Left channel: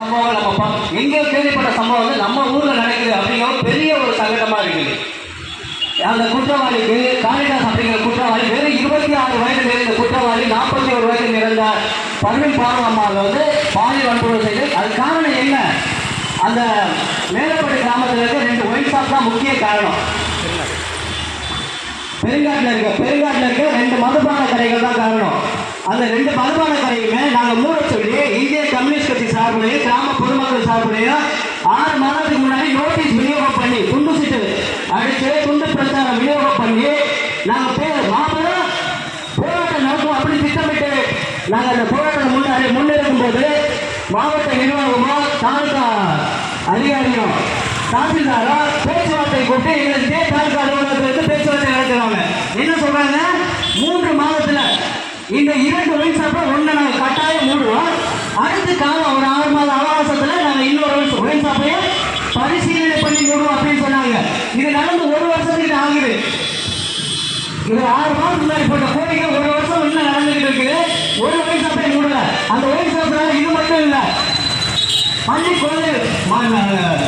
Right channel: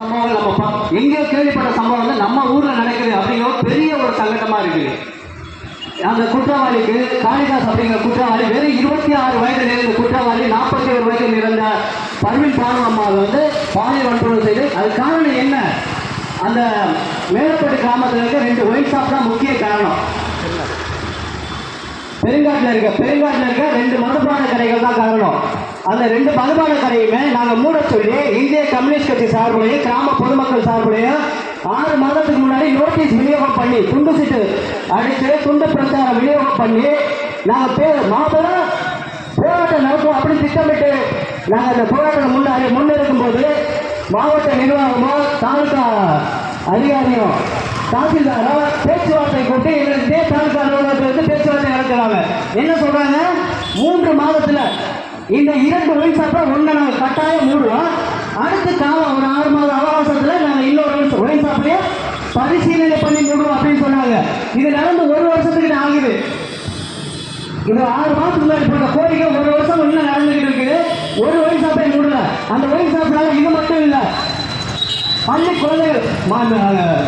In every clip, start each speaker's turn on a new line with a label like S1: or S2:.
S1: சம்பவம் எங்கேயோ கேள்விப்பட்ட சம்பவம் வந்து நம்ம ஊர்ல நடக்குது அப்படிங்கிற பெரிய ஒரு சங்கடமா இருக்குது. அந்த குற்றவாளிக்கு காளிதாஸ் அப்படிங்கிற குற்றவாளி வெறும் இருபத்தி ஆறு வயதில் இருந்த குற்றவாளி நாற்பத்தி ஒரு வயதில் இருந்த பர்வீன் பாவனம்மாள் வந்து பாலியல் வன்பொருள் செய்து அது காரணம் என்ன? அந்த மேலப்பட்டு கிராமத்தில் இருக்க ரெண்டு ஒயின் ஷாப் தான் முக்கிய காரணம். பெருங்காட்டில் இருக்க பெருங்காட்டில் இருக்க ரெண்டு மதுபான கடைகள் தான் காரணம். அந்த ரெண்டு ஆறு மாதத்துக்கு முன்னாடி நோட்டீஸ் விநியோகம் பண்ணி துண்டு சீட்டு அடிச்சு துண்டு பிரச்சாரம் விநியோகம் பண்ணி நாங்கள் பே மாபெரும் போராட்டம் நடக்கும் அப்படி திட்டமிட்டு நாங்கள் அந்த போராட்டம் முன்னாடி முன்னிருக்கும் போது மாவட்ட நிர்வாகமோ தாலுகா அதிகாரியும் தாசில்தாரோ பேச்சுவார்த்தை கூட்டி எங்களுக்கு ஸ்டேட் தாலுகா அலுவலகத்துக்கு வந்து பேச்சுவார்த்தை நடத்துறாங்க. என்ன சொல்றாங்க? மூன்று மாதத்தில் இந்த இரண்டு ஒயின் ஷாப்பை ஒன்று நாங்கள் கட்டாயம் மூடுவோம் அடுத்த காலம் ஒரு ஆறு மாத அவகாசத்துல நாங்கள் இன்னொரு ஒயின் ஷாப்பையும் பரிசீலனை பண்ணி மூடுவோம் அப்படின்னு சொன்னாங்க இது நடந்து ஒரு வருஷத்துக்கு ஆகுது இது ஆறு மாதத்துக்கு முன்னாடி போட்ட கோரிக்கை ஒரு வருஷம் இன்னும் நடந்துகிட்டு இருக்குது ஒரு ஒயின் ஷாப்பை மூடல அந்த ஒயின் ஷாப்னால இது மட்டும் இல்லை பள்ளி குழந்தைகள்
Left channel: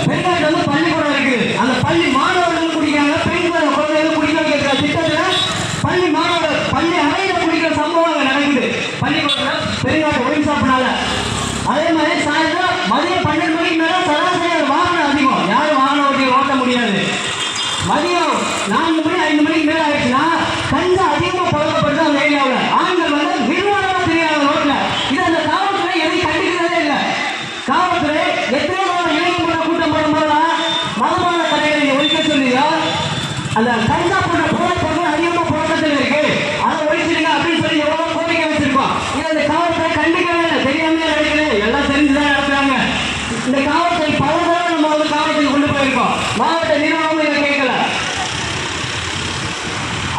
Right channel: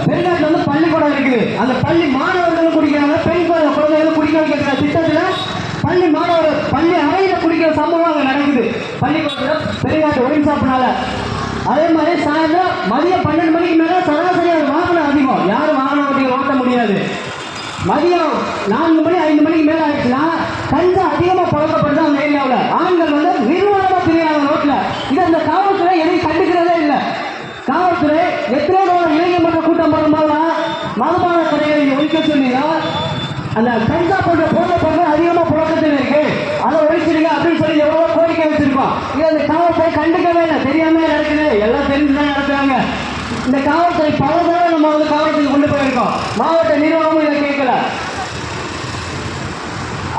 S1: பெண்களுக்கு வந்து பள்ளிக்கூடம் இருக்குது அந்த பள்ளி மாணவர்களும் குடிக்கிறாங்க பெண் குழந்தை- குழந்தைகளும் குடிக்க வைக்கிற திட்டத்தில் பள்ளி மாணவர் பள்ளி அறையில குடிக்கிற சம்பவம் அங்க நடக்குது பள்ளிக்கூடத்தில் பெரியாட்டு ஒயின் ஷாப்னால அதே மாதிரி மதியம் பன்னெண்டு மணிக்கு மேலே சராசரியாக வாகனம் அதிகம். யாரும் வாகனம் அப்படி ஓட்ட முடியாது. மதியம் நான்கு மணி ஐந்து மணிக்கு மேலே ஆயிடுச்சுன்னா கஞ்சா அதிகமாக மாவட்ட நிர்வாகமும் இதை கேட்கல.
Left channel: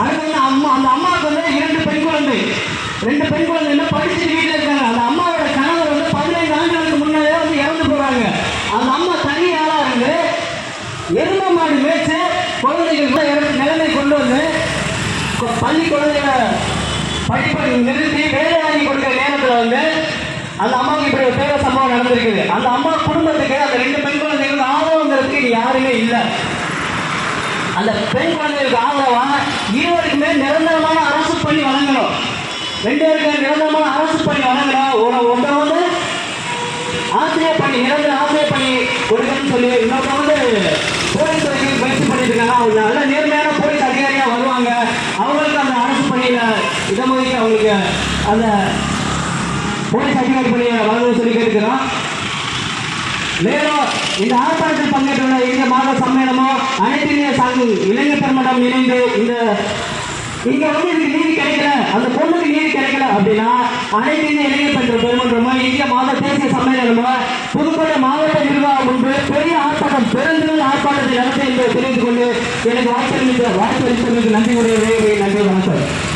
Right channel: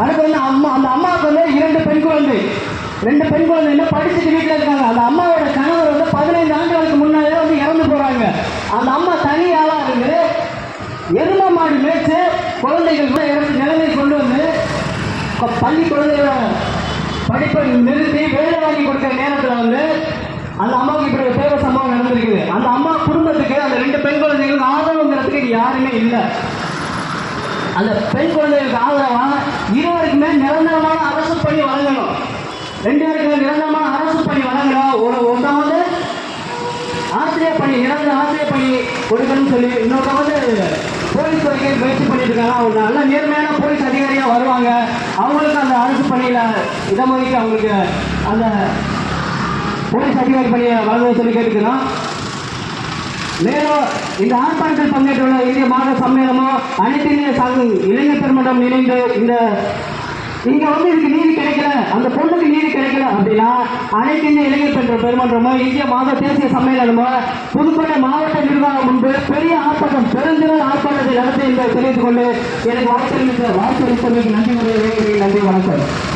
S1: அடுத்து வந்து அம்மா அந்த அம்மாவுக்கு வந்து இரண்டு பெண் குழந்தை. ரெண்டு பெண் குழந்தைங்க படிச்சுட்டு வீட்டில் இருக்காங்க. அந்த அம்மாவோட கணவர் வந்து பதினைந்து ஆண்டுகளுக்கு முன்னாலே வந்து இறந்து போறாங்க. அந்த அம்மா தனி ஆளா இருந்து எரும மாடு மேய்ச்சு குழந்தைகள் கூட இறந்து நிலைமை கொண்டு வந்து இப்போ பள்ளி குழந்தைகளை படிப்பை நிறுத்தி வேலை வாங்கி கொடுக்குற நேரத்தில் வந்து அந்த அம்மாவுக்கு இப்படி ஒரு பேர சம்பவம் நடந்திருக்குது அந்த அம்மா குடும்பத்துக்கு அந்த ரெண்டு பெண் குழந்தைகளுக்கு ஆதரவுங்கிறதுக்கு இங்க யாருமே இல்லை அந்த பெண் குழந்தைகளுக்கு ஆதரவா இருவருக்குமே நிரந்தரமான அரசு பணி வழங்கணும். ரெண்டு பேருக்குமே நிரந்தரமான அரசு பணி வழங்கணும் ஒரு வந்து ஆசிரியர் பணி நிரந்தர ஆசிரியர் பணி கொடுக்கணும்னு சொல்லி இன்னொருத்த வந்து போலீஸ் துறைக்கு முயற்சி பண்ணிட்டு இருக்காங்க அவங்க நல்ல நேர்மையான போலீஸ் அதிகாரியா வருவாங்க. அவங்களுக்கு அந்த அரசு பணியில இடம் ஒதுக்கி அவங்களுக்கு அந்த போலீஸ் அதிகாரி பணியை வழங்க சொல்லி கேட்டுக்கிறோம். மேலும் இந்த ஆர்ப்பாட்டத்தில் பங்கேற்றுள்ள இந்திய மாத சம்மேளனம் அனைத்து இந்திய சங்க இளைஞர் பெருமன்றம் இணைந்து இந்த இங்க வந்து இதுக்கு நீதி கிடைக்கல அந்த பொண்ணுக்கு நீதி கிடைக்கல அப்படின்னா அனைத்து இந்திய இளைஞர் பெற்ற பெருமன்றமோ இந்திய மாத தேசிய சம்மேளனமோ புதுக்கோட்டை மாவட்ட நிர்வாகம் முன்பு பெரிய ஆர்ப்பாட்டம் பெருந்திரள் ஆர்ப்பாட்டத்தை நடத்த என்று தெரிவித்துக் கொண்டு எனக்கு வாய்ப்பு வாய்ப்பு நன்றி உடைய நன்றி வணக்கம்.